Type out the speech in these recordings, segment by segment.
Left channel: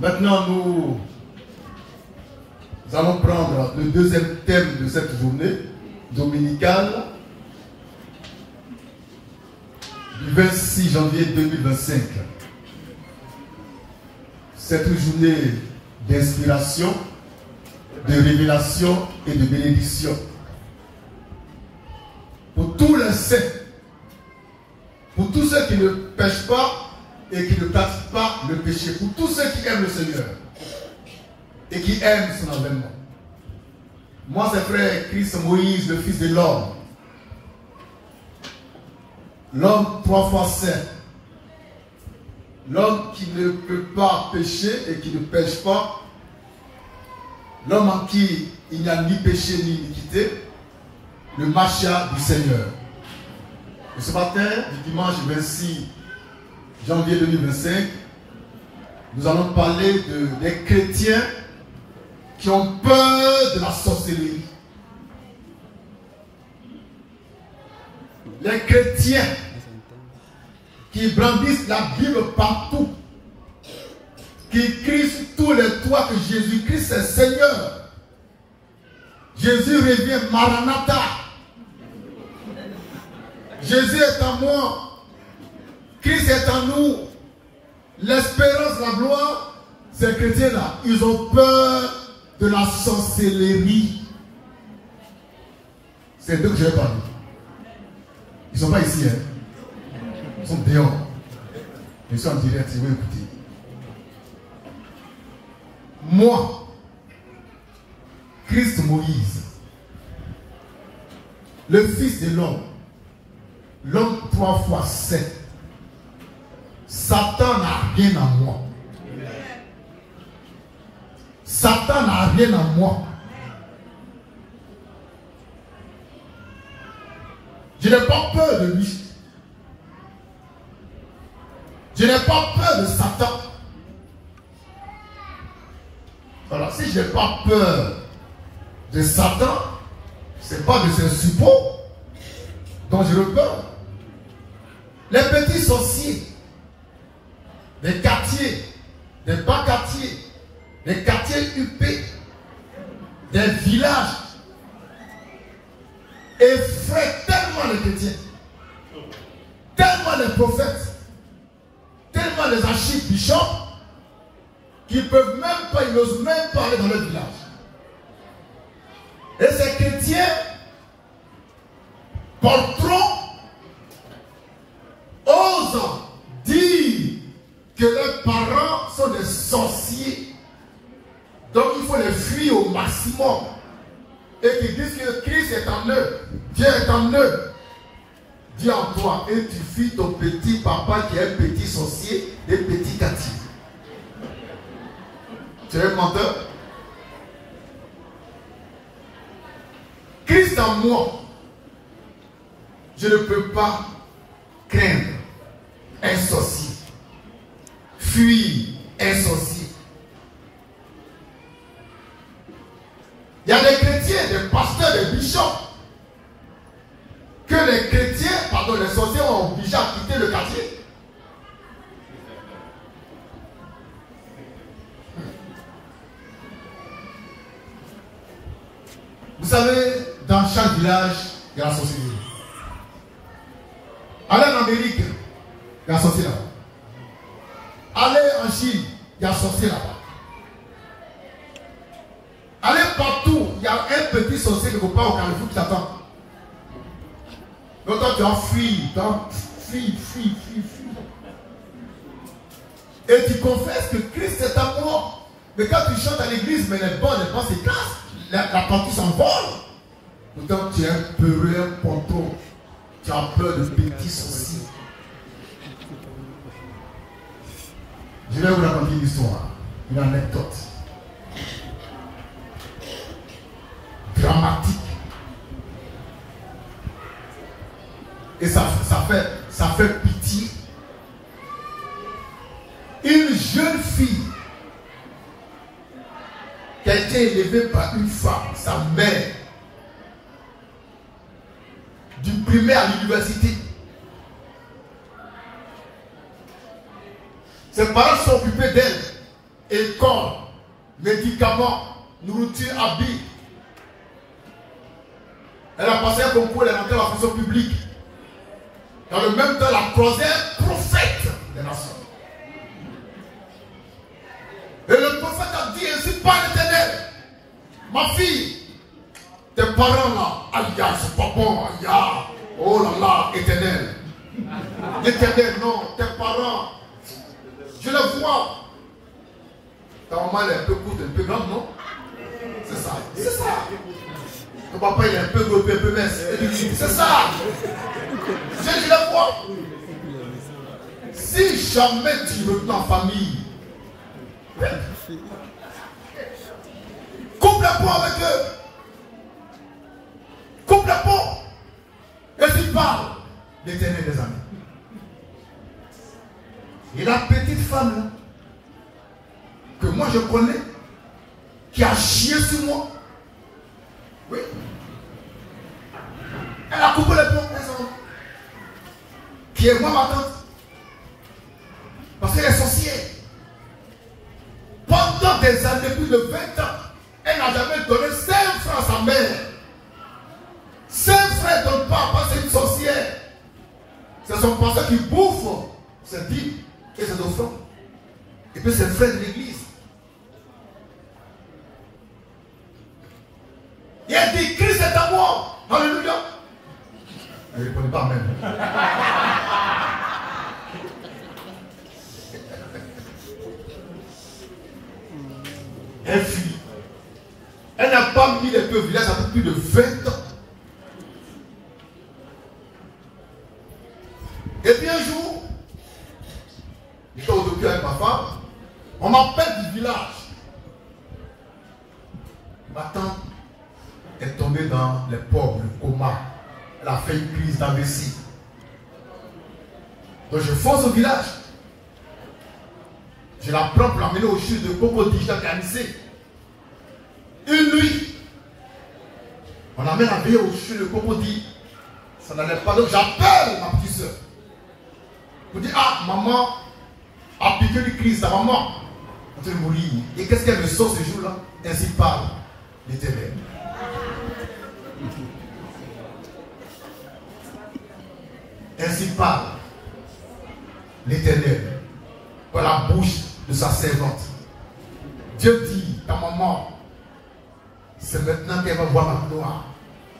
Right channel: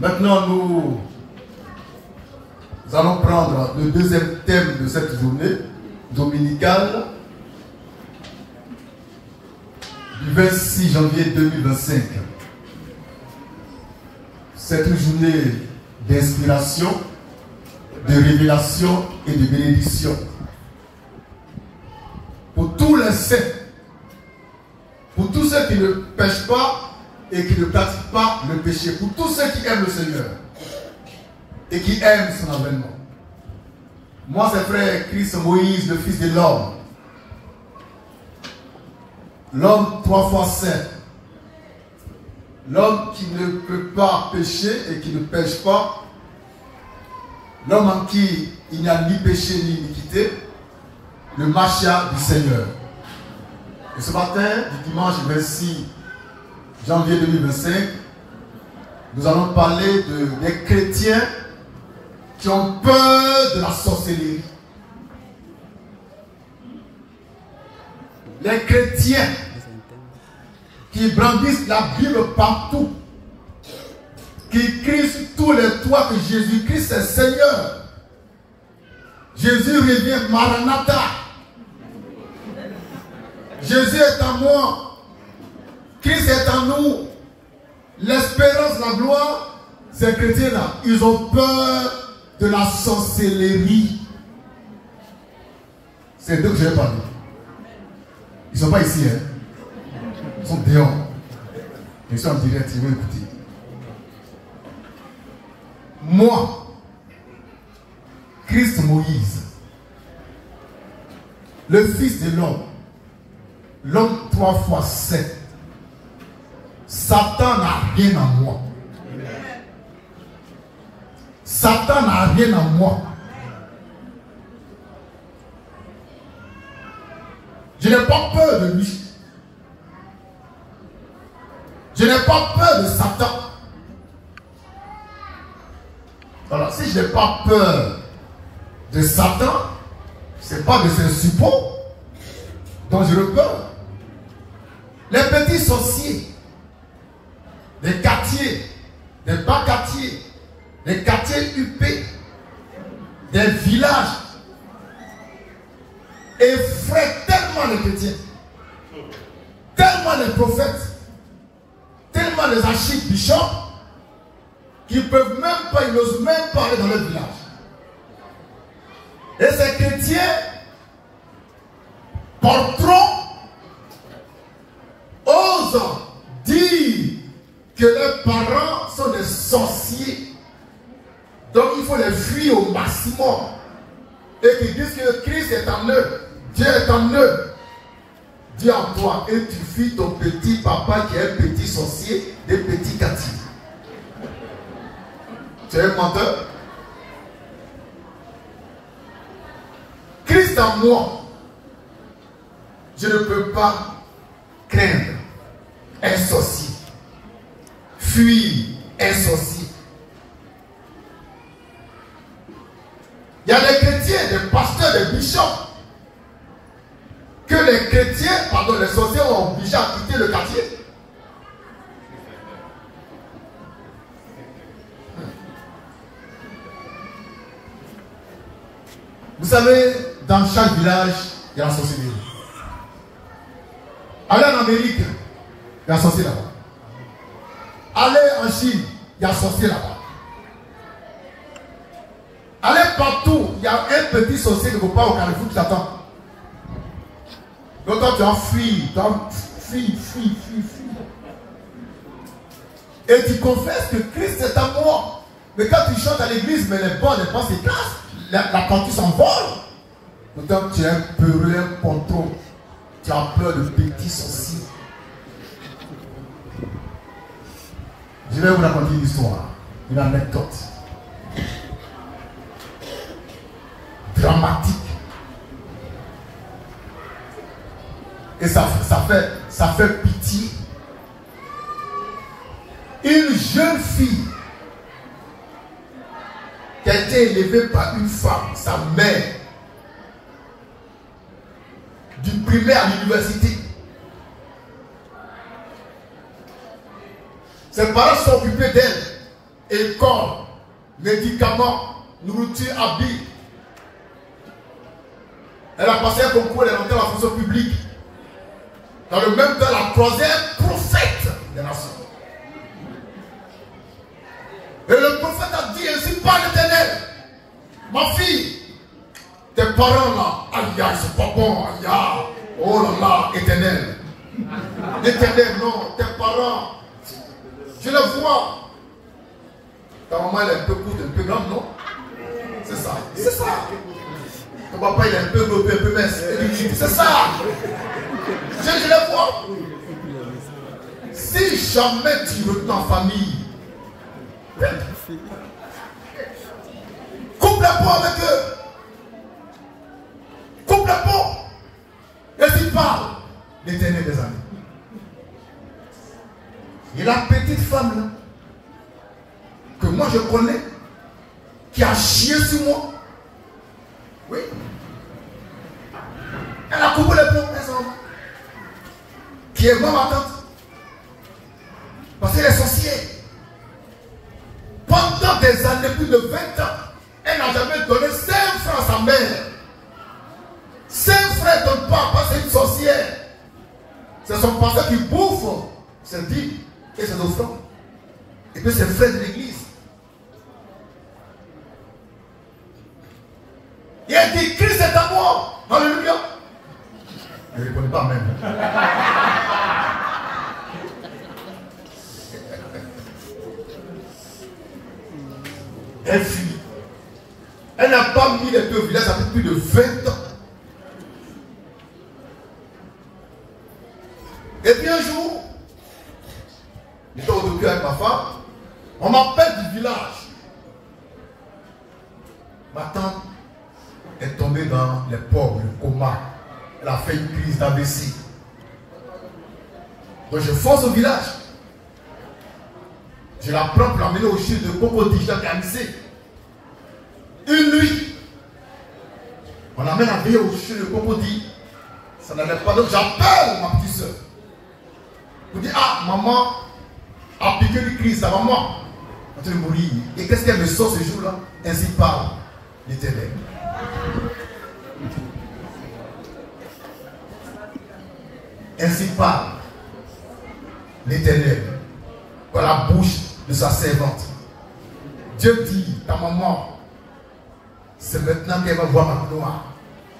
Maintenant, nous allons prendre le deuxième thème de cette journée dominicale du 26 janvier 2025. C'est une journée d'inspiration, de révélation et de bénédiction. Pour tous les saints, pour tous ceux qui ne pêchent pas et qui ne pratiquent pas le péché, pour tous ceux qui aiment le Seigneur et qui aiment son avènement. Moi, c'est frère Christ Moïse, le fils de l'homme. L'homme 3 fois saint. L'homme qui ne peut pas pécher et qui ne pêche pas. L'homme en qui il n'y a ni péché ni iniquité. Le Machia du Seigneur. Et ce matin, du dimanche 26 janvier 2025, nous allons parler des chrétiens qui ont peur de la sorcellerie. Les chrétiens qui brandissent la Bible partout, qui crient sur tous les toits que Jésus-Christ est Seigneur. Jésus revient, Maranatha. Jésus est en moi. Christ est en nous. L'espérance, la gloire, ces chrétiens-là, ils ont peur de la sorcellerie. C'est d'eux que je vais parler. Ils ne sont pas ici, hein. Ils sont dehors. Ils sont en direct, ils vont écouter. Moi, Christ Moïse, le fils de l'homme 3 fois 7, Satan n'a rien en moi. Satan n'a rien en moi. Je n'ai pas peur de lui. Je n'ai pas peur de Satan. Alors, si je n'ai pas peur de Satan, ce n'est pas de ses suppôts dont je peur. Les petits sorciers, les quartiers, les bas quartiers, les quartiers huppés, des villages, effraient tellement les chrétiens, tellement les prophètes, tellement les archibishops, qu'ils peuvent même pas, ils n'osent même pas aller dans le village. Et ces chrétiens porteront, osent dire que leurs parents sont des sorciers. Donc il faut les fuir au maximum. Et qu'ils disent que Christ est en eux, Dieu est en eux. Dis en toi, et tu fuis ton petit papa qui est un petit sorcier, des petits quartiers. Tu es un menteur? Christ en moi, je ne peux pas craindre un sorcier, fuir un sorcier. Il y a des chrétiens, des pasteurs, des bishops, que les chrétiens, pardon, les sorciers ont obligé à quitter le quartier. Vous savez, dans chaque village, il y a la sorcellerie. Allez en Amérique, il y a un sorcier là-bas. Allez en Chine, il y a un sorcier là-bas. Allez partout, il y a un petit sorcier quelque part au Carrefour qui t'attend. Donc toi tu en fuis, fuis. Et tu confesses que Christ est en moi. Mais quand tu chantes à l'église, mais les bancs s'écrasent, la partie s'envole. Pourtant tu es un peureux, un ponton. Tu as peur de petits sorciers. Je vais vous raconter une histoire, une anecdote dramatique. Et ça fait pitié. Une jeune fille qui a été élevée par une femme, sa mère, du primaire à l'université. Ses parents sont occupés d'elle. école, médicaments, nourriture, habits. Elle a passé un concours, elle est rentrée dans la fonction publique. Dans le même temps, la troisième prophète des nations. Et le prophète a dit ainsi par l'Éternel, ma fille, tes parents là, aïe, c'est pas bon, aïe, oh là là, Éternel. L'Éternel, non, tes parents, je le vois. Ta maman elle est un peu courte, un peu grande, non? C'est ça, c'est ça. Ton papa il est un peu gros, un peu mince. C'est ça. Je le vois. Si jamais tu retournes en famille, coupe le pont avec eux. Coupe le pont. Et tu parles l'Éternel des amis. Et la petite femme là, que moi je connais, qui a chié sur moi, oui, elle a coupé le pont, qui est moi ma tante, parce qu'elle est sorcière. Pendant des années, plus de 20 ans, elle n'a jamais donné 5 francs à sa mère. 5 francs ne donnent pas parce que c'est une sorcière. C'est son pasteur qui bouffe ses dîmes et ses offrandes. Et puis ses frères de l'église. Et elle dit, Christ est à moi. Alléluia. Elle ne répondait pas même. Elle fuit. Elle n'a pas mis les pieds au village depuis plus de 20 ans. Et puis un jour, j'étais au docteur avec ma femme, on m'appelle du village. Ma tante est tombée dans les pauvres, le coma. Elle a fait une crise d'AVC. Donc je fonce au village. Je la prends pour l'amener au chute de Cocody, j'ai organisé. Une nuit, on amène la veille au chute de Cocody. Ça n'allait pas, donc j'appelle ma petite soeur. Je dis, ah, maman a piqué une crise, ta maman est en train de mourir. Et qu'est-ce qu'elle me sort ce jour-là? Ainsi parle l'Éternel. Ainsi parle l'Éternel par la bouche de sa servante. Dieu dit, ta maman, c'est maintenant qu'elle va voir ma gloire.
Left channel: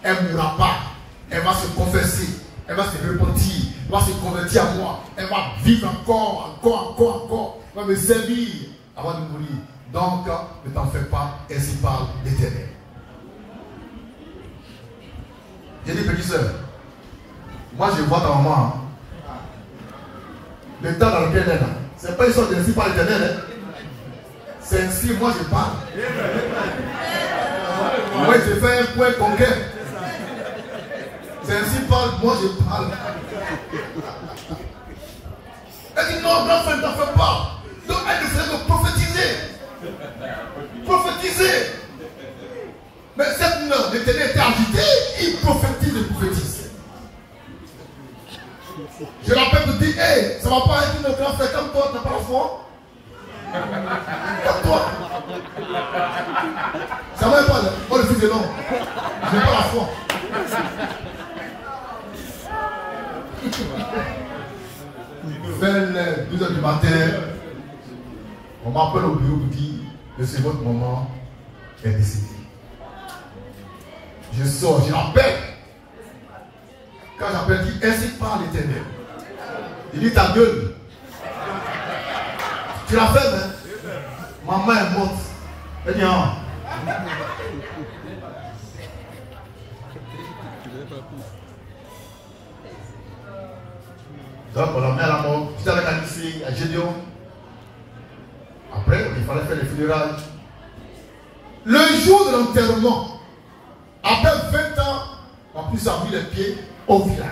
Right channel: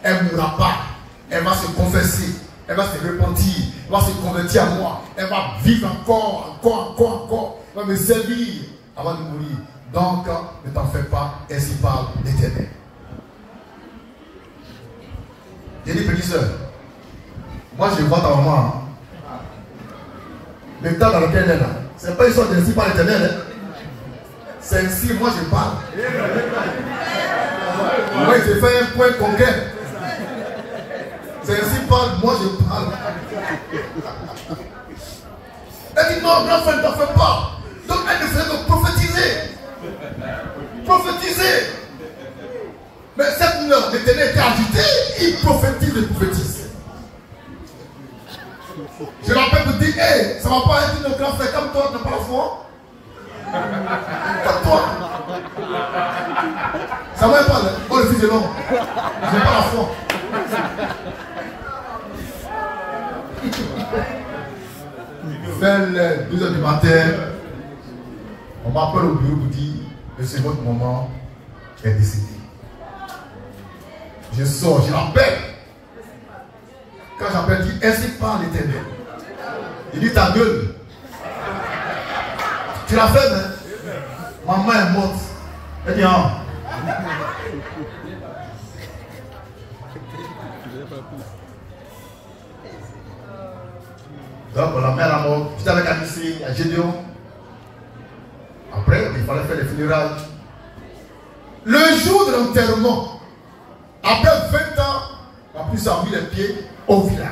Elle ne mourra pas. Elle va se confesser. Elle va se repentir. Elle va se convertir à moi. Elle va vivre encore. Elle va me servir avant de mourir. Donc, ne t'en fais pas. Ainsi parle l'Éternel. J'ai dit, petite soeur, moi je vois ta maman. Le temps dans lequel elle est là, c'est pas une sorte d'ainsi par l'Éternel. Hein? C'est ainsi, moi je parle. Moi je fais un point concret. C'est ainsi parle, moi je parle. Elle dit non, l'enfant ne t'en fait pas. Donc elle ne faisait que prophétiser. Prophétiser. Mais cette nuit, l'Éternel était agité, il prophétise et prophétise. Je l'appelle pour dire, hey, ça ne va pas être une grand frère comme toi, tu n'as pas la foi. Comme toi. Ça ne va pas, oh le fils de l'homme. Je n'ai pas la foi. Vers les 12h du matin, on m'appelle au bureau pour dire que c'est votre maman est décédée. Je sors, je l'appelle. Quand j'appelle, il dit, ainsi parle l'Éternel. Il dit, ta gueule. Tu l'as fait, hein? Maman est morte. Elle dit, ah. Donc, on la met à la mort. J'étais avec Anissé, à Gédéon. Après, il fallait faire les funérailles. Le jour de l'enterrement, après 20 ans, on a pu s'en mis les pieds au village.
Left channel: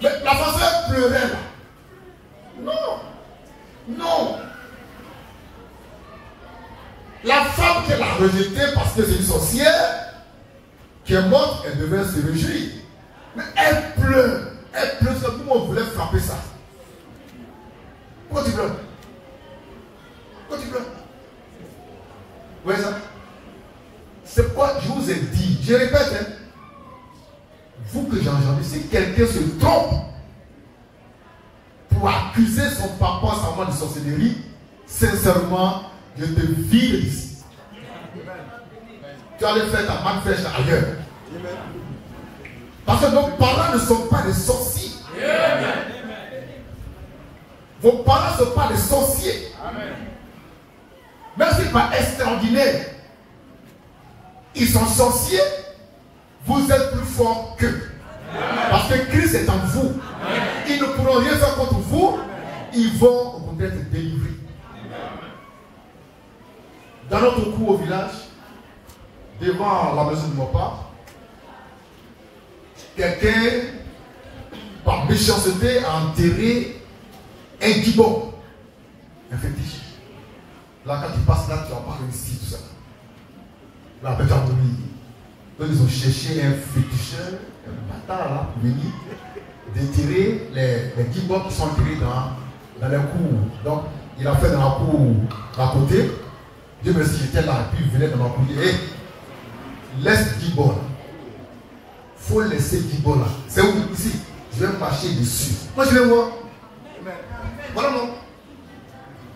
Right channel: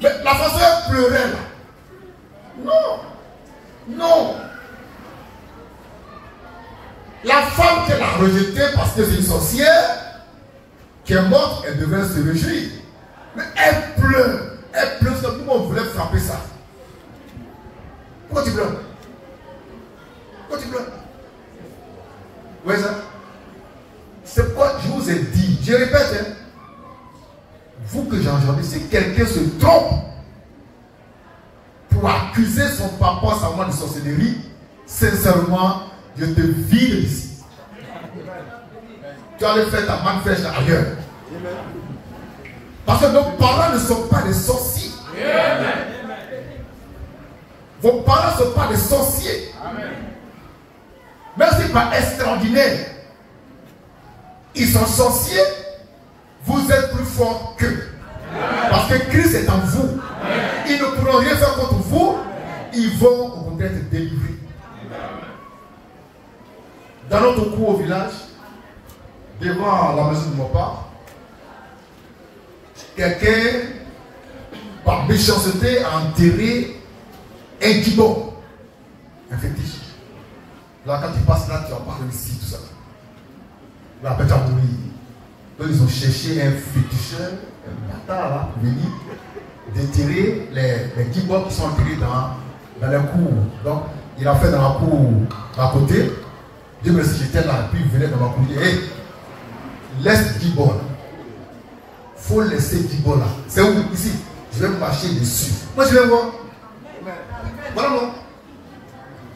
Mais la façon elle pleurait là. Non. Non. La femme qu'elle a rejetée parce que c'est une sorcière qui est morte, elle devait se réjouir. Mais elle pleure. Elle pleure comme tout le monde voulait frapper ça. Pourquoi tu pleures? Pourquoi tu pleures? Vous voyez ça? C'est quoi je vous ai dit. Je répète, hein, vous que j'ai entendu, si quelqu'un se trompe pour accuser son papa, sa maman de sorcellerie, sincèrement, je te vide d'ici. Tu allais faire ta manifeste ailleurs. Parce que nos parents ne sont pas des sorciers. Vos parents ne sont pas des sorciers. Même si pas extraordinaire, ils sont sorciers, vous êtes plus forts qu'eux. Parce que Christ est en vous. Ils ne pourront rien faire contre vous. Ils vont au contraire être délivrés. Dans notre cours au village, devant la maison de mon père, quelqu'un, par méchanceté, a enterré un gibon, un fétiche. Là, quand tu passes là, tu vas pas réussir tout ça. Là, après, tu vas mourir. Donc, ils ont cherché un féticheur, un bâtard là, pour venir déterrer les gibons qui sont enterrés dans la cour. Donc, il a fait dans la cour à côté. Dieu merci, j'étais là, puis il venait dans ma cour. Il dit, hey, laisse gibon. Il faut laisser gibon là. C'est où? Ici. Je vais marcher dessus. Moi, je vais voir. Voilà, non.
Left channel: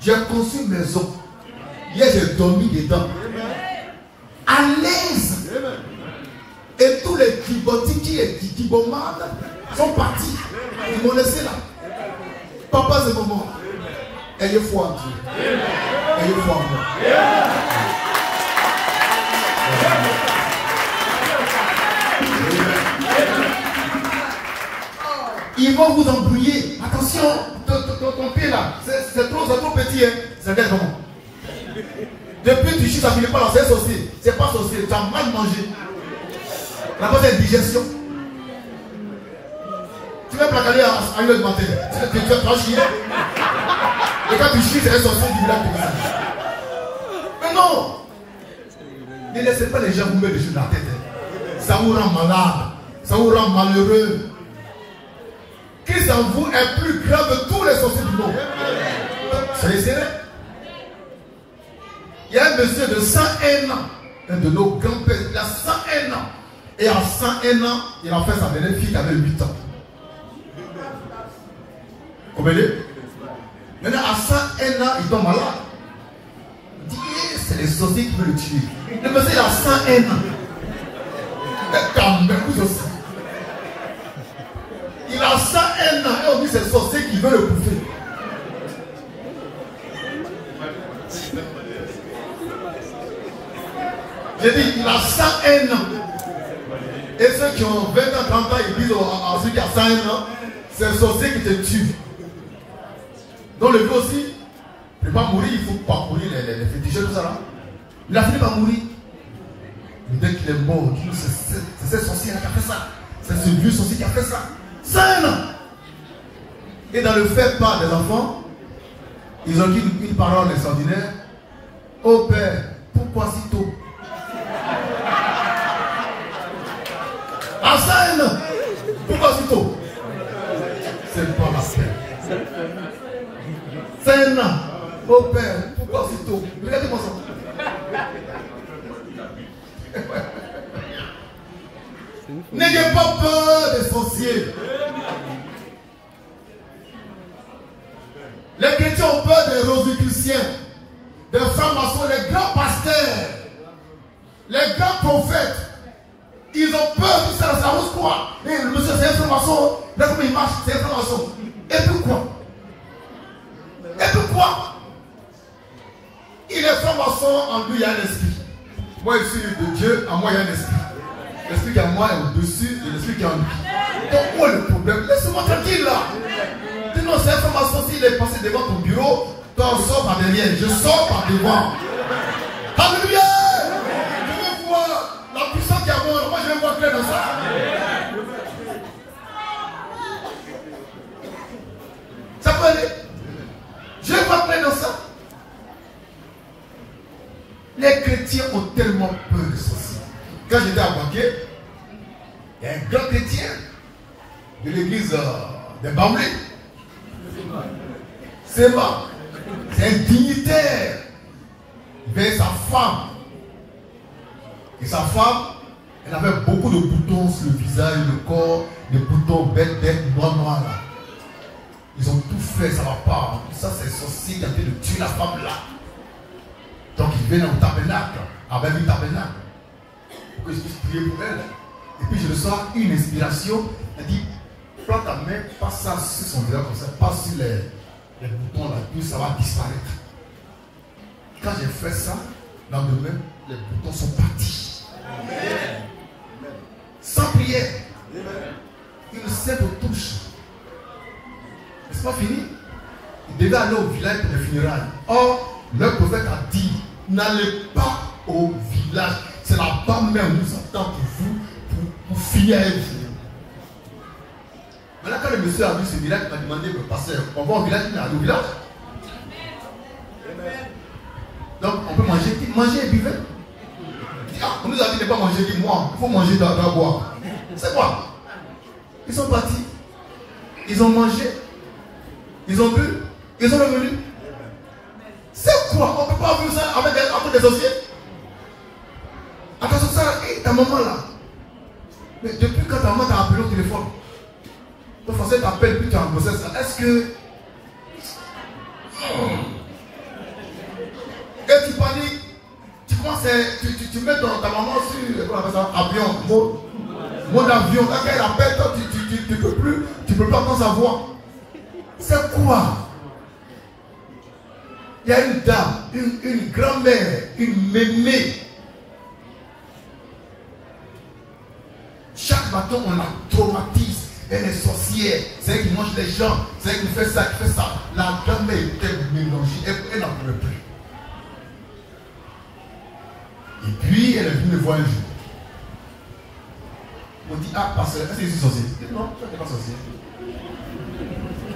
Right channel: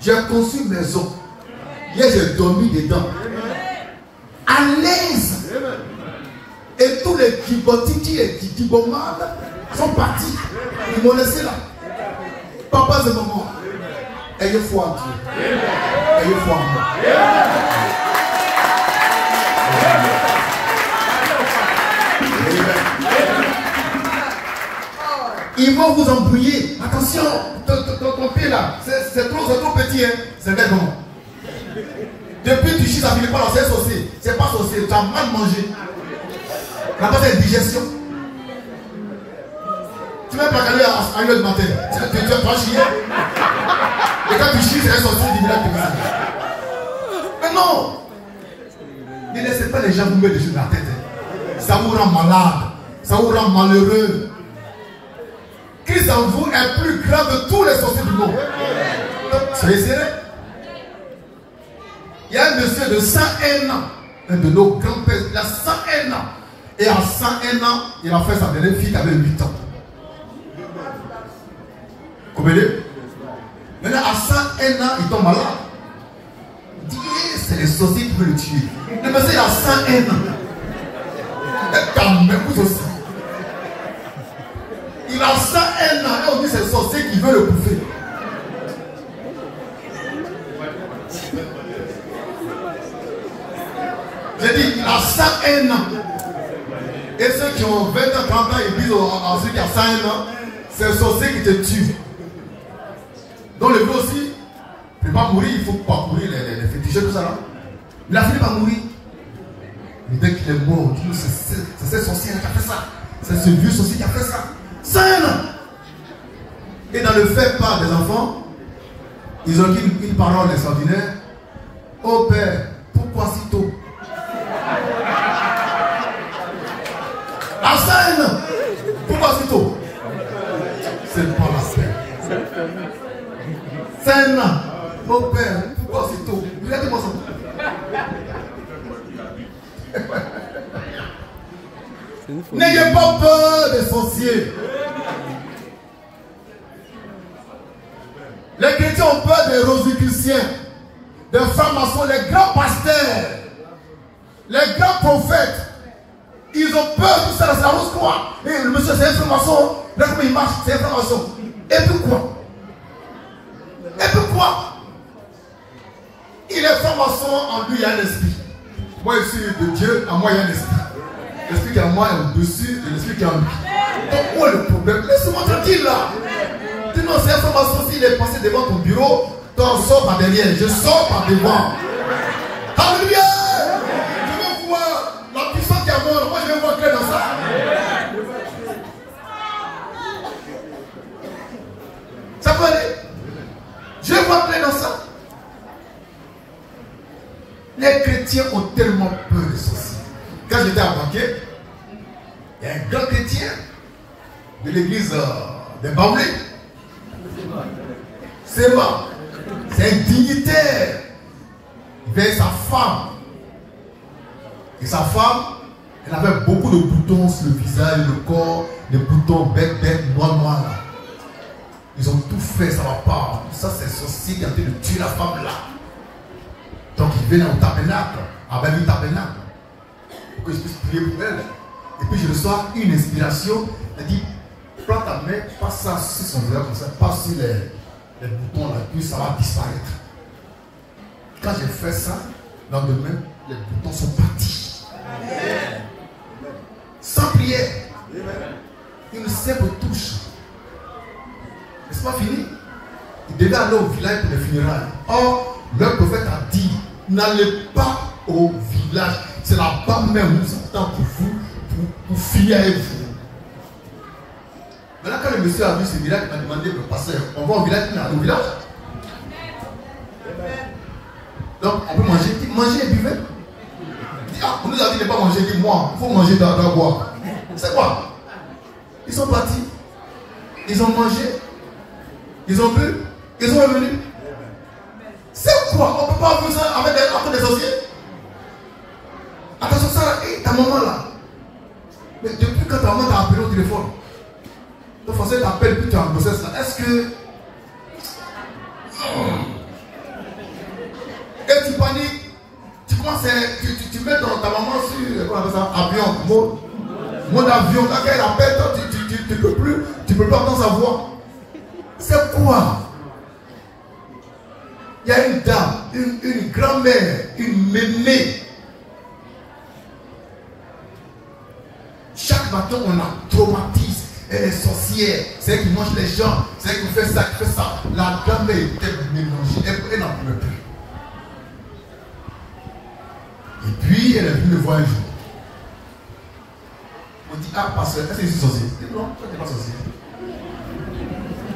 J'ai conçu une maison. Hier, j'ai dormi dedans. À l'aise. Et tous les gibotiki et gibomades sont partis. Ils m'ont laissé là. Papa et maman, ayez foi en Dieu. Ayez foi en moi. Ils vont vous embrouiller. Attention, ton pied là, c'est trop petit. Hein. C'est un comment? Depuis que tu chies, ça ne finit pas là, c'est sorcier. C'est pas sorcier, tu as mal mangé. Tu n'as pas fait une digestion. Tu vas pas aller à 1h du matin. Tu vas pas chier. Et quand tu chies, c'est un sorcier du village comme ça. Mais non! Ne laissez pas les gens vous mettre des choses dans la tête. Ça vous rend malade. Ça vous rend malheureux. Christ en vous est plus grand que tous les sorciers du monde. Soyez sérieux. Il y a un monsieur de 101 ans, un de nos grands-pères, il a 101 ans. Et à 101 ans, il a fait sa dernière fille qui avait 8 ans. Vous comprenez? Maintenant, à 101 ans, il tombe malade. Il dit, c'est les sorciers qui veulent le tuer. Le monsieur, il a 101 ans. Ta m'écoute aussi. Il a 101 ans et on dit c'est le sorcier qui veut le bouffer. J'ai dit, il a 101 ans. Et ceux qui ont 20 ans, 30 ans, ils disent à celui qui a 101 ans, c'est le sorcier qui te tue. Donc le vieux aussi, il ne peut pas mourir, il faut parcourir les féticheurs, tout ça là. Il a fini par mourir. Mais dès qu'il est mort, c'est ce sorcier qui a fait ça. C'est ce vieux sorcier qui a fait ça. 101 ans. Et dans le fait part des enfants, ils ont dit une parole extraordinaire. Oh Père, pourquoi si tôt? À 101 ans, pourquoi si tôt? C'est pas la peine. 101 ans. Oh Père, pourquoi si tôt? Regardez-moi ça. N'ayez pas peur des sorciers. Les chrétiens ont peur des rosicruciens, des francs-maçons, les grands pasteurs, les grands prophètes. Ils ont peur de ça, c'est la rose quoi. Et le monsieur, c'est un franc-maçon. Là, comment il marche, c'est un franc-maçon. Et pourquoi? Et pourquoi? Il est franc-maçon, en lui il y a un esprit. Moi je suis de Dieu, en moi il y a un esprit. L'esprit qui est en moi est au-dessus de l'esprit qui est en lui. Donc où est le problème? Laisse-moi tranquille là. Dis non, c'est un franc-maçon, s'il est passé devant ton bureau, toi on sort par derrière, je sors par devant. Alléluia! Je veux voir la puissance qui est en moi, je vais voir clair dans ça. Ça peut aller? Je vais voir clair dans ça. Les chrétiens ont tellement peur de ceci. Quand j'étais à Banquet, il y a un grand chrétien de l'église des Baoulés. C'est bon. C'est un dignitaire. vers sa femme. Et sa femme, elle avait beaucoup de boutons sur le visage, le corps, des boutons bêtes, noirs. Là. Ils ont tout fait, ça ne va pas. Ça, c'est sorcier qui a été de tuer la femme là. Donc, il vient au tabernacle, avec le tabernacle, pour que je puisse prier pour elle. Et puis, je reçois une inspiration. Elle dit, prends ta main, passe ça sur son visage, comme ça, passe sur les boutons là, puis ça va disparaître. Quand j'ai fait ça, dans le lendemain, les boutons sont partis. Amen. Sans prière. Une simple touche. C'est pas fini. Il devait aller au village pour les funérailles. Or, le prophète a dit, n'allez pas au village. C'est là-bas même où nous attend pour vous, pour finir avec vous. Maintenant, quand le monsieur a vu ce village, il m'a demandé, le pasteur, on va au village, il est allé au village. Donc, on peut manger. Il dit, manger et buvez. Il dit, ah, on nous a dit de ne pas manger. Il dit, moi, il faut manger, de boire. C'est quoi? Ils sont partis. Ils ont mangé. Ils ont bu. Ils sont revenus. C'est quoi? On ne peut pas vivre ça avec des sorciers. Attention, ça, ta maman là. Mais depuis quand ta maman t'a appelé au téléphone, le français t'appelle, puis tu es en grossesse là. Est-ce que. Et tu paniques, tu commences, tu mets ta maman sur avion, mode avion, quand elle appelle, toi, tu peux pas entendre sa voix. C'est quoi? Il y a une dame, une grand-mère, une mémé. Chaque matin, on la traumatise. Elle est sorcière, c'est elle qui mange les gens, c'est elle qui fait ça, qui fait ça. La grand-mère était mélangée, elle n'en pouvait plus. Et puis, elle est venue le voir un jour. On dit, ah, pasteur, est-ce que je suis sorcier? Je dis, non, tu n'es pas sorcier.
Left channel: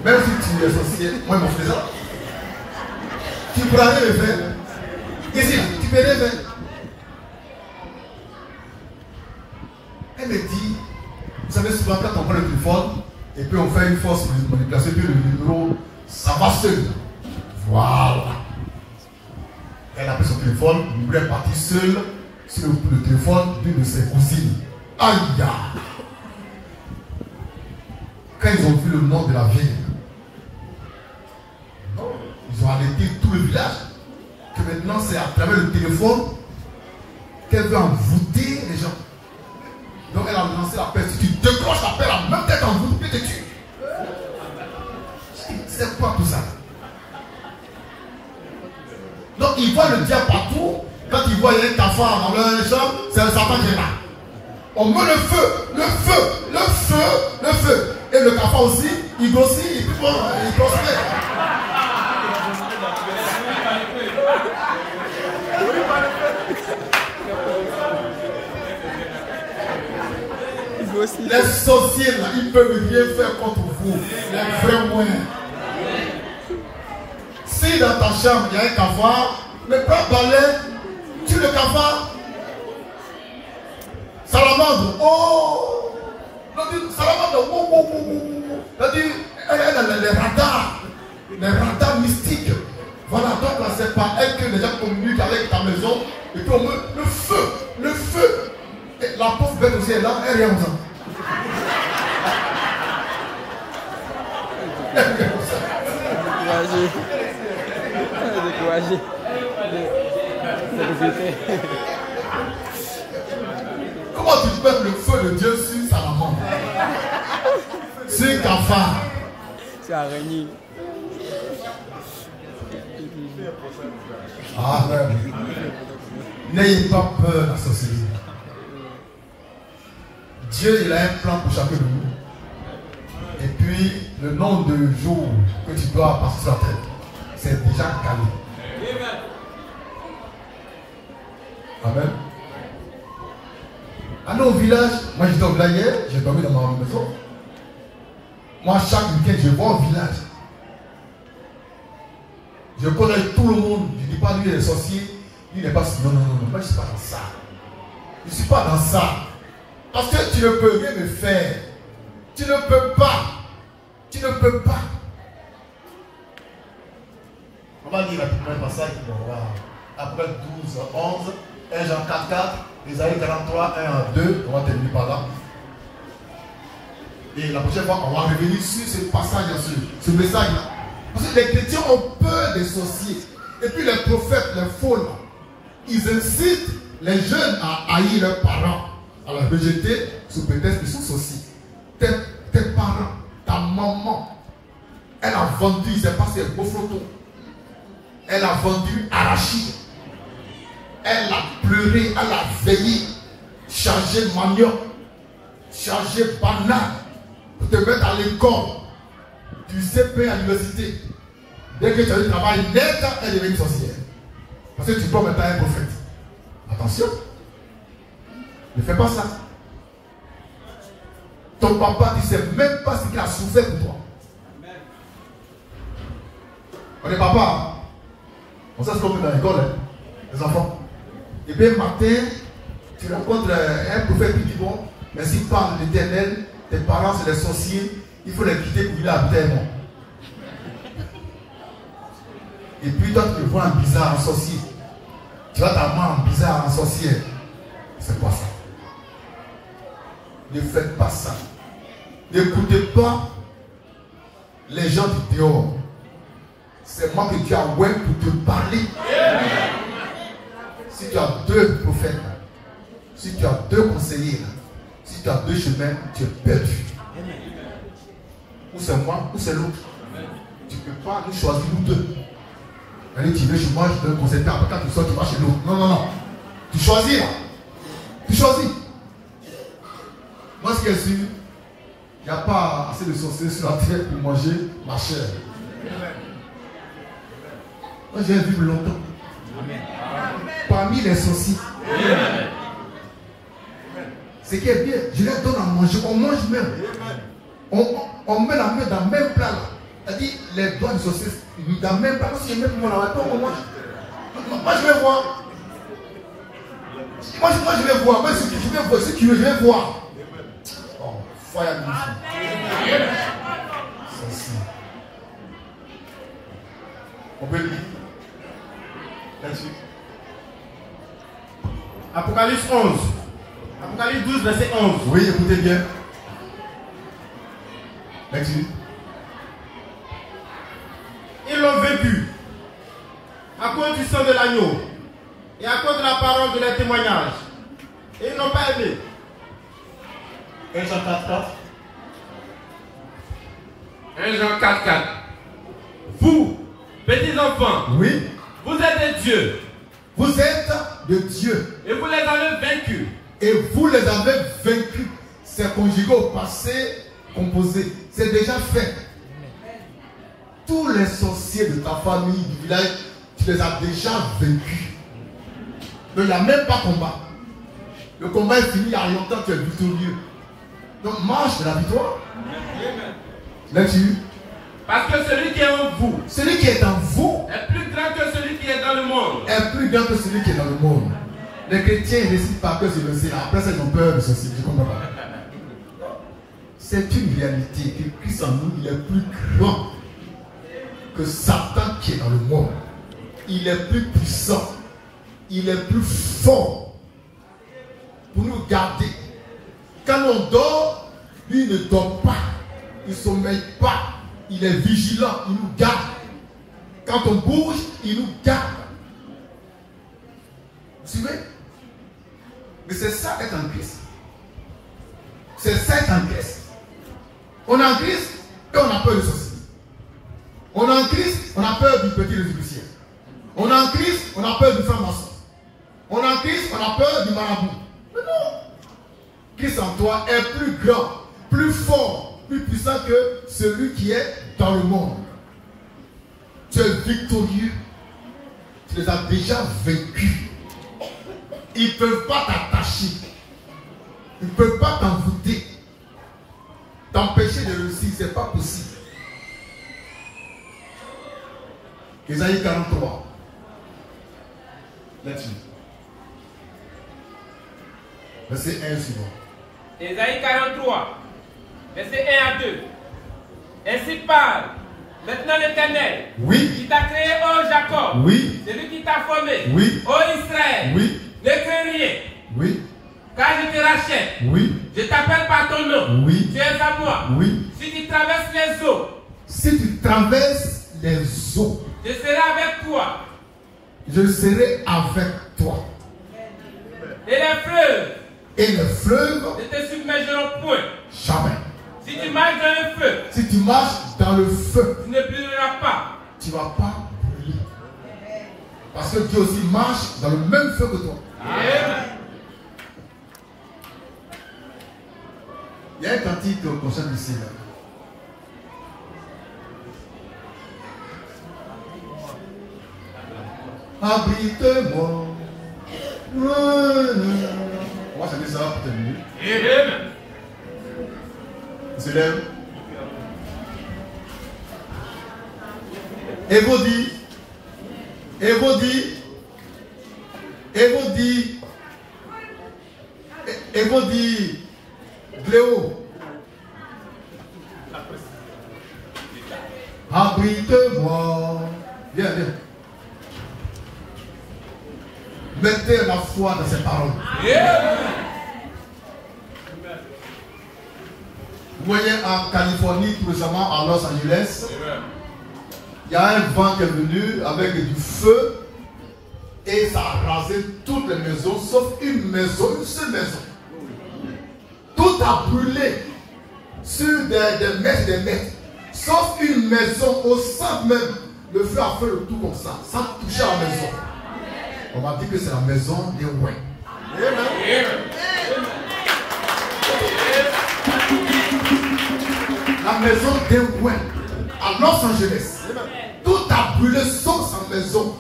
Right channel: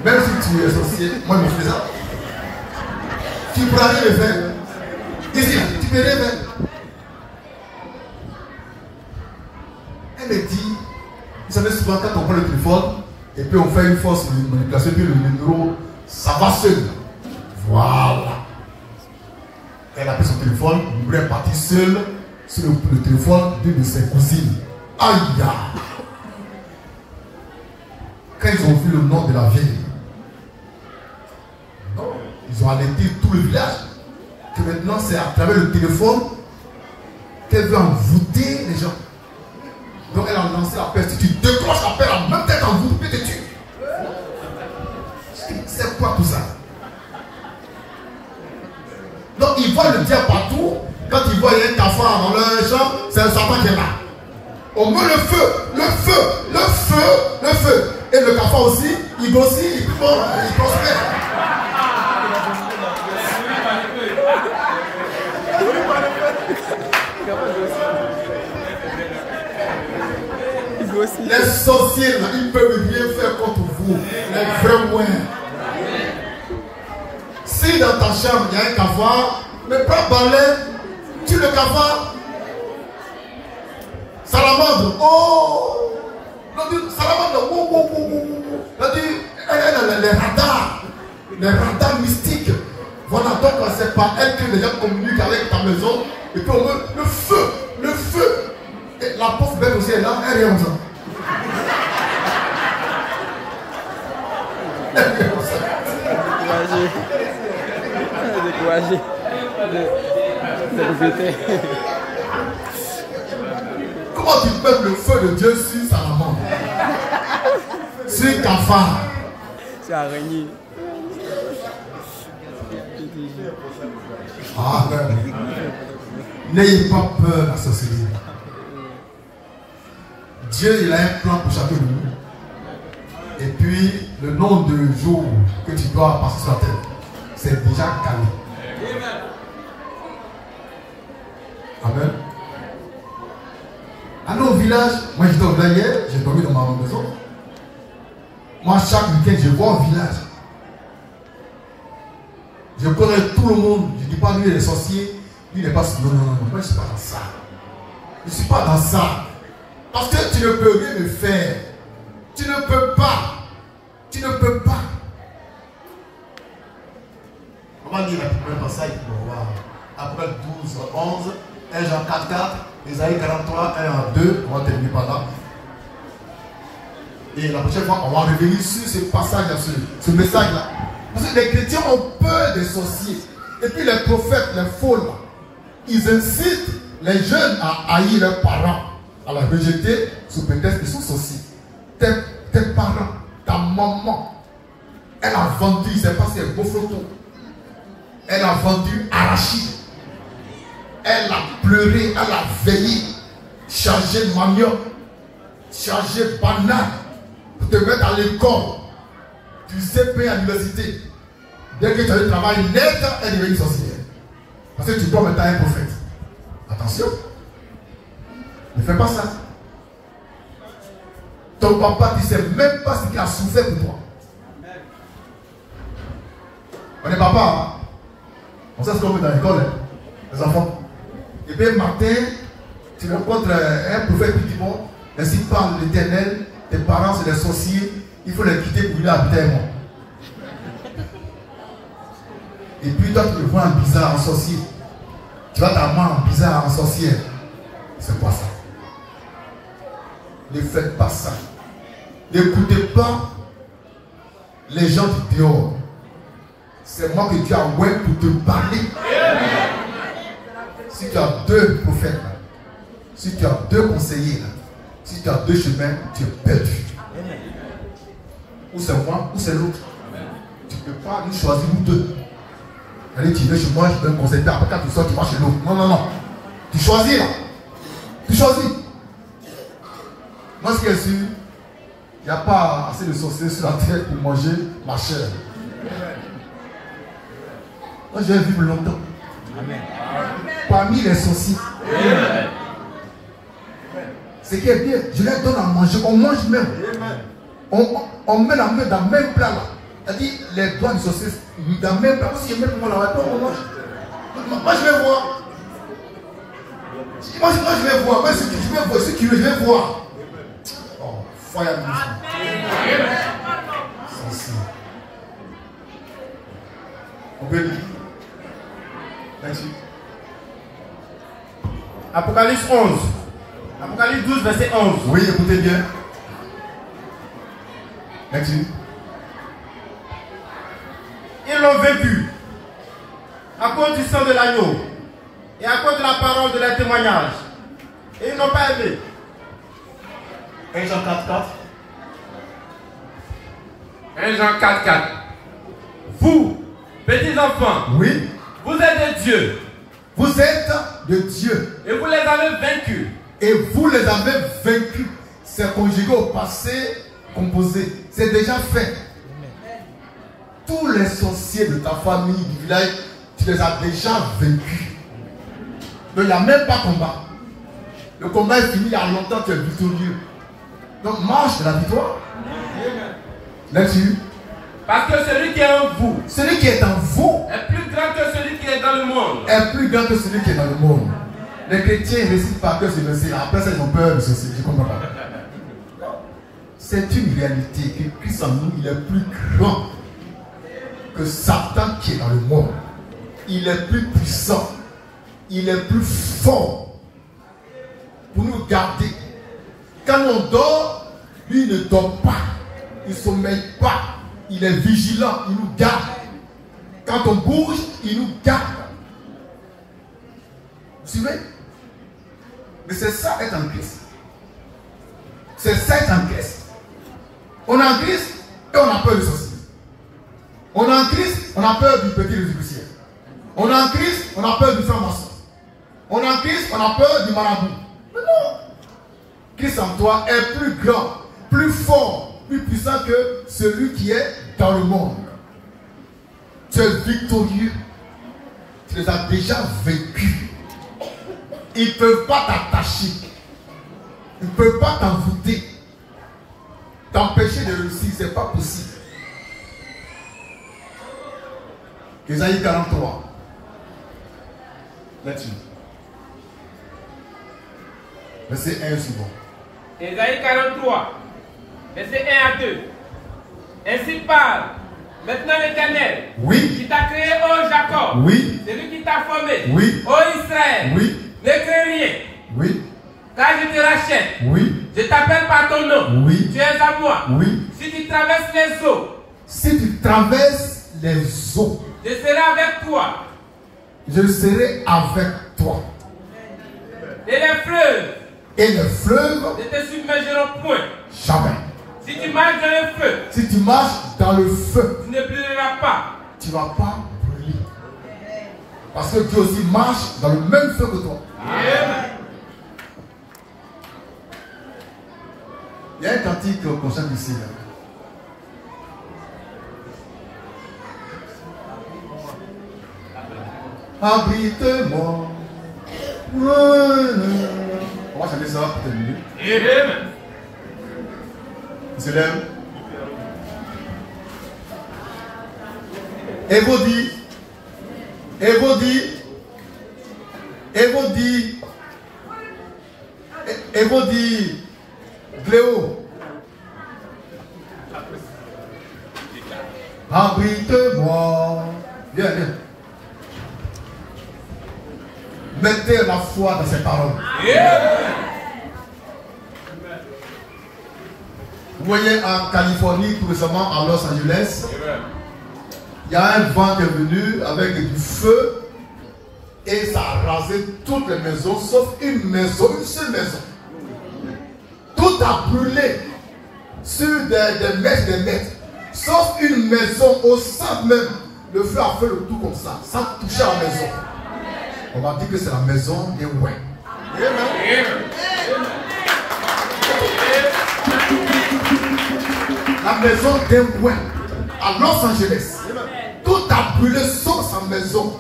Même si tu es sorcier, moi, je me fais ça. Tu pourras rien le faire. Ici, tu peux rien faire. Elle me dit, vous savez, souvent, quand on prend le téléphone, et puis on fait une force de manipulation, puis le numéro, ça va seul. Voilà. Elle a pris son téléphone, le numéro est parti seul sur le téléphone d'une de ses cousines. Aïe! Quand ils ont vu le nom de la vieille, ils ont alerté tout le village que maintenant c'est à travers le téléphone qu'elle veut envoûter les gens. Donc elle a lancé la peste. Tu décroches l'appel en même temps qu'envoûte, puis tu tues. C'est quoi tout ça? Donc ils voient le diable partout. Quand ils voient un cafard dans leur champ, c'est le Satan qui est là. On met le feu, le feu, le feu, le feu. Et le cafard aussi, il grossit, il prospère. Les sorciers là, ils ne peuvent rien faire contre vous. Les vrais moyens. Si dans ta chambre il y a un cafard, mais pas balai, tue le cafard. Salamandre, oh! Salamandre, les radars mystiques. Voilà, donc c'est par elle que les gens communiquent avec ta maison. Et puis on met le feu, le feu. Et la pauvre bête aussi est là, elle est comme ça. Découragé. Comment tu peux le feu de Dieu sur sa maman? Sur cafard. C'est araignée. Ah, n'ayez pas peur de la sorcellerie. Dieu, il a un plan pour chacun de nous. Et puis, le nombre de jours que tu dois passer sur la terre, c'est déjà calé. Amen. Allez au village. Moi, j'étais au village hier, j'ai dormi dans ma maison. Moi, chaque week-end, je vais au village. Je connais tout le monde. Je ne dis pas lui, il est sorcier. Lui, il n'est pas. Non. Moi, je ne suis pas dans ça. Je ne suis pas dans ça. Parce que tu ne peux rien me faire. Tu ne peux pas. Tu ne peux pas. On va lire la première passage pour voir. Apocalypse 12, 11, 1 Jean 4, 4, Isaïe 43, 1 à 2. On va terminer par là. Et la prochaine fois, on va revenir sur ce passage-là, ce message-là. Parce que les chrétiens ont peur des sorciers. Et puis les prophètes, les faux là, ils incitent les jeunes à haïr leurs parents, à les rejeter sous prétexte qu'ils sont sorciers. Tes parents, ta maman, elle a vendu, c'est pas ses beaux photos. Elle a vendu arachide. Elle a pleuré, elle a veillé, chargé de manioc, chargé de banane pour te mettre à l'école. Tu sais payer à l'université. Dès que tu as du travail net, elle est devenue sorcière. Parce que tu dois mettre un prophète. Attention. Ne fais pas ça. Ton papa, tu ne sais même pas ce qu'il a souffert pour toi. On est papa. Hein? On sait ce qu'on fait dans l'école, hein? Les enfants. Et puis, le matin, tu rencontres un prophète qui dit bon, mais s'il parle de l'Éternel, tes parents, c'est des sorciers, il faut les quitter pour aller habiter moi. Et puis, toi, tu le vois en bizarre, en sorcier. Tu vois ta maman en bizarre, en sorcière. C'est pas ça. Ne faites pas ça. N'écoutez pas les gens du dehors. C'est moi que Dieu a envoyé pour te parler. Si tu as deux prophètes, si tu as deux conseillers, si tu as deux chemins, tu es perdu. Ou c'est moi, ou c'est l'autre. Tu ne peux pas nous choisir, nous deux. Allez, tu veux chez moi, je donne un conseil. Après, quand tu sors, tu vas chez l'autre. Non, non, non. Tu choisis là. Tu choisis. Moi, ce qui est sûr, il n'y a pas assez de sorciers sur la terre pour manger ma chair. Moi, je vais vivre longtemps. Amen. Parmi les sorciers. Ce qui est bien, je les donne à manger. On mange même. On met la main dans le même plat là. C'est-à-dire, les doigts du sorcier dans le même plat. Si je mets pour moi là, on mange. Moi, je vais voir. Moi, je vais voir. Moi, je vais voir. Si tu veux, je vais voir. Oh, fire me. Sorcier. On peut lire. Merci. Apocalypse 11. Apocalypse 12, verset 11. Oui, écoutez bien. Merci. Ils l'ont vaincu à cause du sang de l'agneau et à cause de la parole de leur témoignage. Et ils n'ont pas aimé. 1 Jean 4, 4. 1 Jean 4, 4. Vous, petits enfants, oui, vous êtes des dieux. Vous êtes de Dieu. Et vous les avez vaincus. Et vous les avez vaincus. C'est conjugué au passé composé. C'est déjà fait. Tous les sorciers de ta famille, du village, tu les as déjà vaincus. Mais il n'y a même pas combat. Le combat est fini il y a longtemps, tu es victorieux. Donc marche de la victoire. Là-dessus. Parce que celui qui est en vous, celui qui est en vous, est plus grand que celui qui est dans le monde. Est plus grand que celui qui est dans le monde. Les chrétiens récitent pas que ce verset-là. Après, ils ont peur de ceci. Je ne comprends pas. C'est une réalité que Christ en nous, il est plus grand que Satan qui est dans le monde. Il est plus puissant. Il est plus fort pour nous garder. Quand on dort, lui, il ne dort pas. Il ne sommeille pas. Il est vigilant. Il nous garde. Quand on bouge, il nous garde. Vous suivez? Mais c'est ça être en Christ. C'est ça être en Christ. On est en Christ et on a peur du sorcier. On est en Christ, on a peur du petit résibucier. On est en Christ, on a peur du franc-maçon. On est en Christ, on a peur du marabout. Mais non. Christ en toi est plus grand, plus fort, plus puissant que celui qui est dans le monde. Tu es victorieux. Tu les as déjà vaincus. Ils ne peuvent pas t'attacher. Ils ne peuvent pas t'envoûter. T'empêcher de réussir, ce n'est pas possible. Isaïe 43. Là-dessus. Verset 1 suivant. Isaïe 43, verset 1 à 2. Ainsi parle maintenant l'Éternel. Oui. Qui t'a créé, ô Jacob. Oui. Celui qui t'as formé. Oui. Ô Israël. Oui. Ne crains rien. Oui. Car je te rachète. Oui. Je t'appelle par ton nom. Oui. Tu es à moi. Oui. Si tu traverses les eaux, Si tu traverses les eaux, je serai avec toi. je serai avec toi. Et les fleuves Et les fleuves, ne te submergeront point. jamais. Si tu marches dans le feu, Si tu marches dans le feu, tu ne brûleras pas. tu ne vas pas brûler. Parce que Dieu aussi marche dans le même feu que toi. Amen. Il y a un cantique qu'on chante ici. Là. Abrite-moi. On va chanter ça pour terminer. Amen. On se lève. Et vous dit, et vous dit, et vous dit, et vous dit, Cléo, abrite-moi. Viens, viens. Mettez la foi dans ces paroles. Vous voyez, en Californie, tout récemment, à Los Angeles, il y a un vent qui est venu avec du feu et ça a rasé toutes les maisons, sauf une maison, une seule maison. Tout a brûlé sur des mètres, sauf une maison au centre même. Le feu a fait le tour comme ça, sans toucher la maison. On va dire que c'est la maison des ouins. La maison des ouins à Los Angeles. Tout a brûlé sauf sa maison.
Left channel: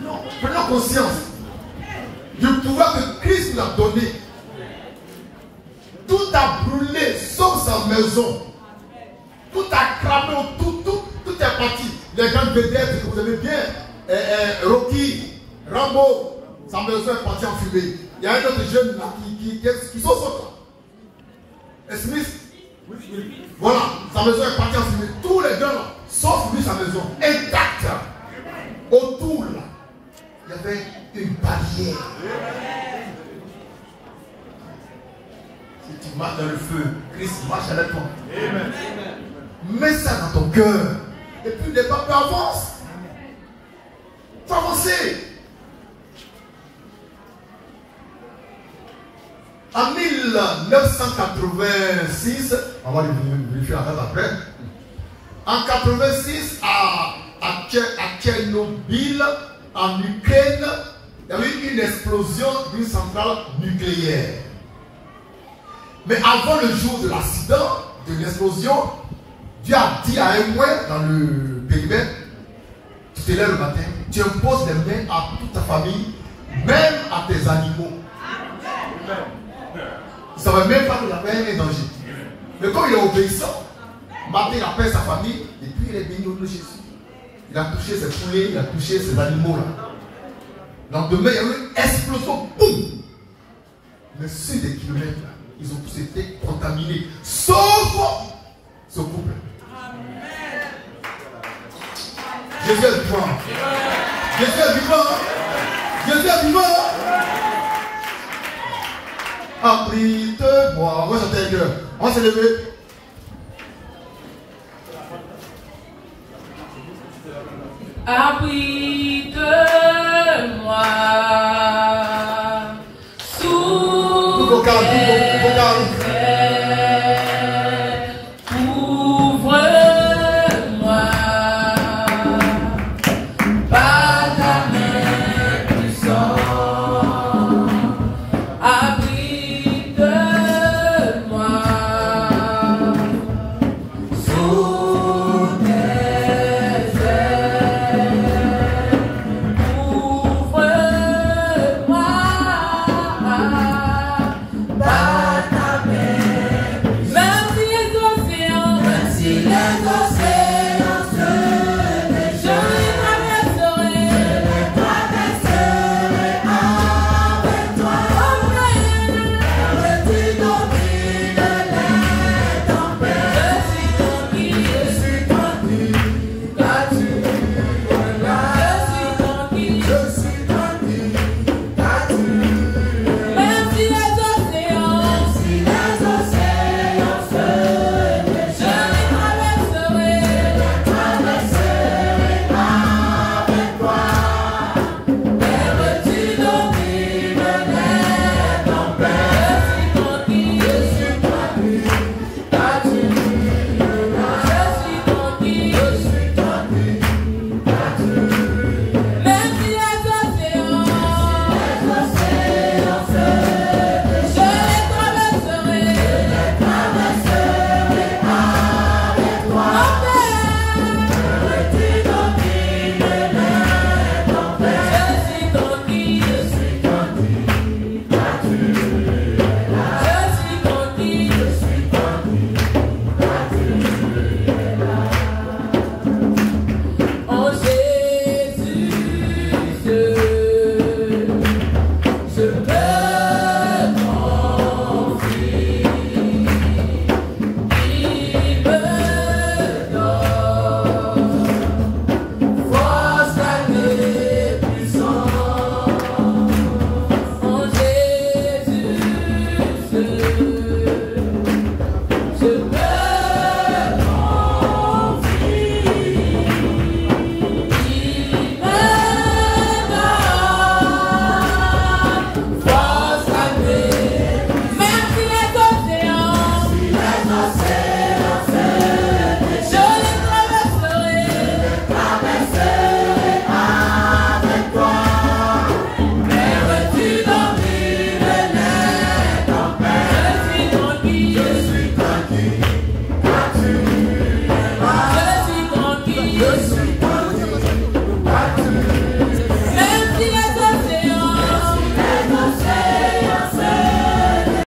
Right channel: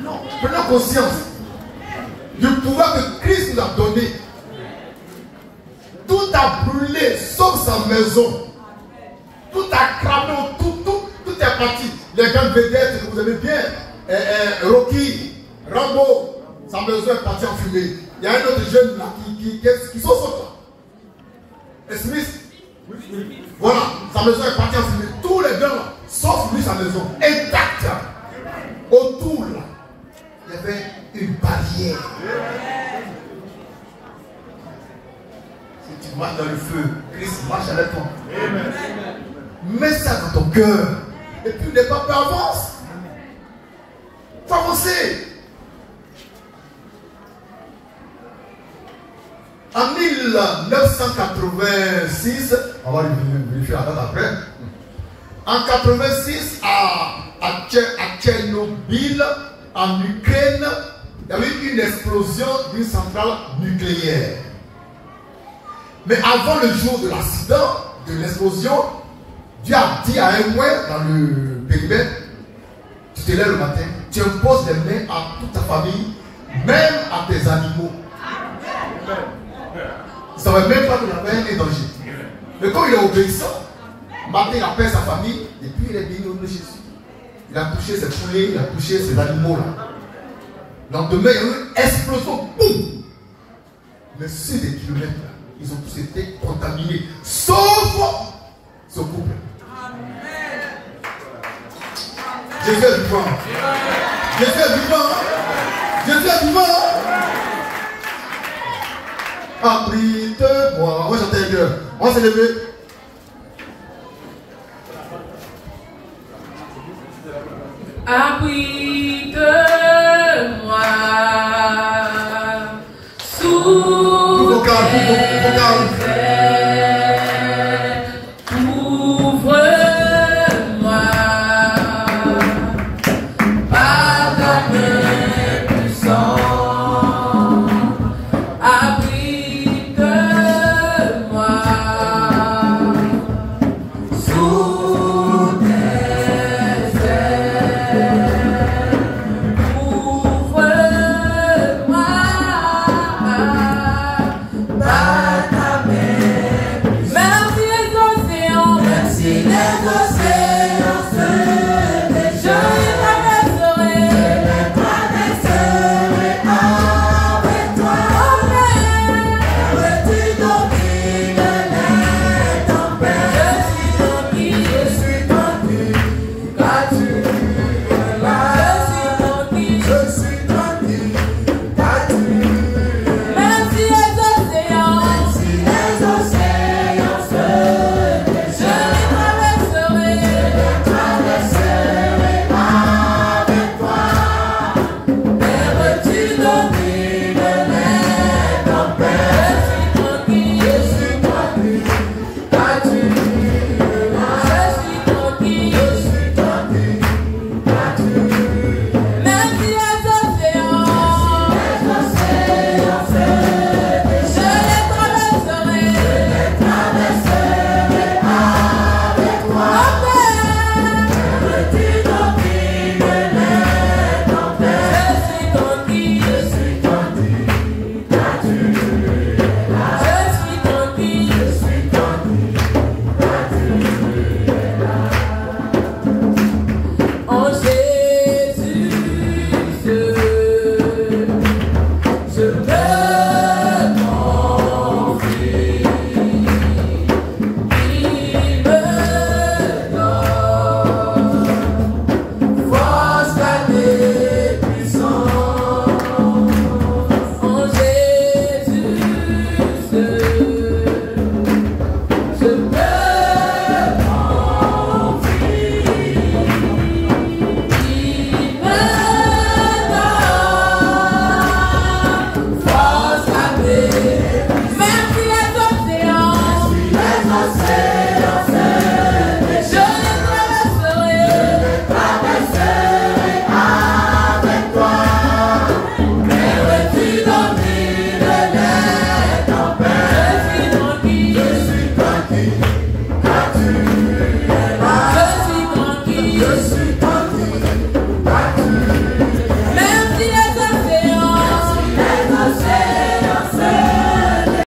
Non, prenons conscience du pouvoir que Christ nous a donné. Tout a brûlé sauf sa maison. Tout a cramé, tout est parti. Les grandes vedettes que vous aimez bien, Rocky, Rambo, sa maison est partie en fumée. Il y a un autre jeune là qui sont sortis. Smith, voilà, sa maison est partie en fumée. Tous les gars là, sauf lui, sa maison, intacte. Autour là, il y avait une barrière. Si tu marches dans le feu, Christ marche avec toi. Amen. Mets ça dans ton cœur. Et puis n'aie pas peur, avance. Faut avancer. En 1986, on va vérifier la date après. En 86, à Tchernobyl, en Ukraine, il y a eu une explosion d'une centrale nucléaire. Mais avant le jour de l'accident, de l'explosion, Dieu a dit à un ouin dans le périmètre, tu te lèves le matin, tu imposes les mains à toute ta famille, même à tes animaux. Il ne savait même pas que la peine est danger. Mais quand il est obéissant, matin il appelle sa famille, et puis il est béni au nom de Jésus. Il a touché ses poulets, il a touché ses animaux. Le lendemain, il y a eu une explosion, boum! Mais sur des kilomètres, là, ils ont tous été contaminés, sauf ce couple. Jésus est vivant. Jésus est vivant. Jésus est vivant. Abrite-moi. On va chanter un cœur. On va se lever. Abrite-moi. Sous Vos calmes. ouvre-moi par ta main puissante. Abrite-moi sous tes ailes. battu.